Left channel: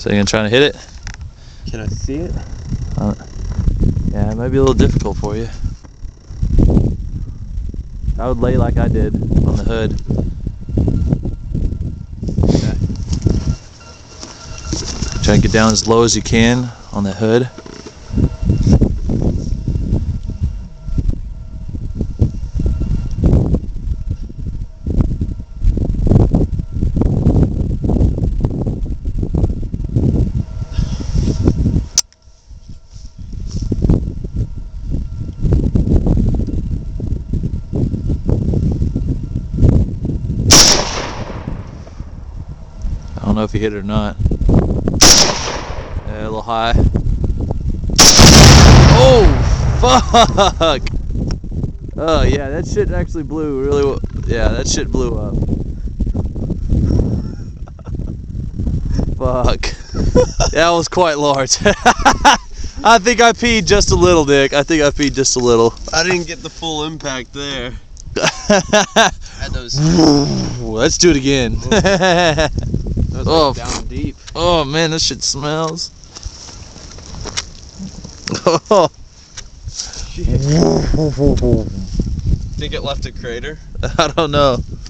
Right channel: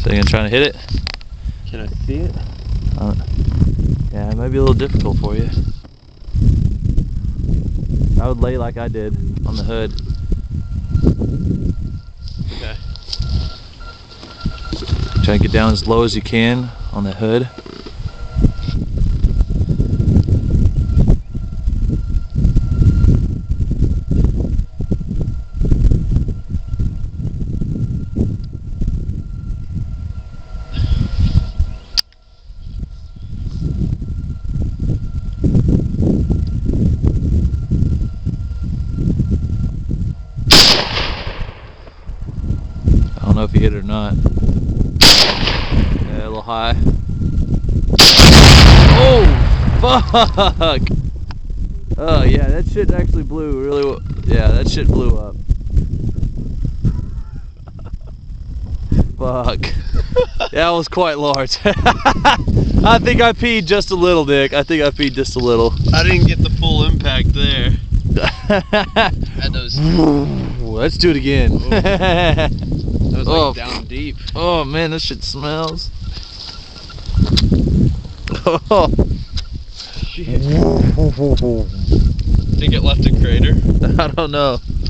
So you're trying to hit it? Can I see it? Yeah, it might be a little difficult for you. I would lay like I did on the hood. Okay. Try to get down as low as you can on the hood. I don't know if you hit it or not. Yeah, a little high. Oh, fuck! Oh yeah, that shit actually blew really well. Yeah, that shit blew up. Fuck. That was quite large. I think I peed just a little, Dick. I think I peed just a little. I didn't get the full impact there. Had those. Let's do it again. Oh, down deep. Oh man, this shit smells. Oh. Shit. Think it left a crater? I don't know.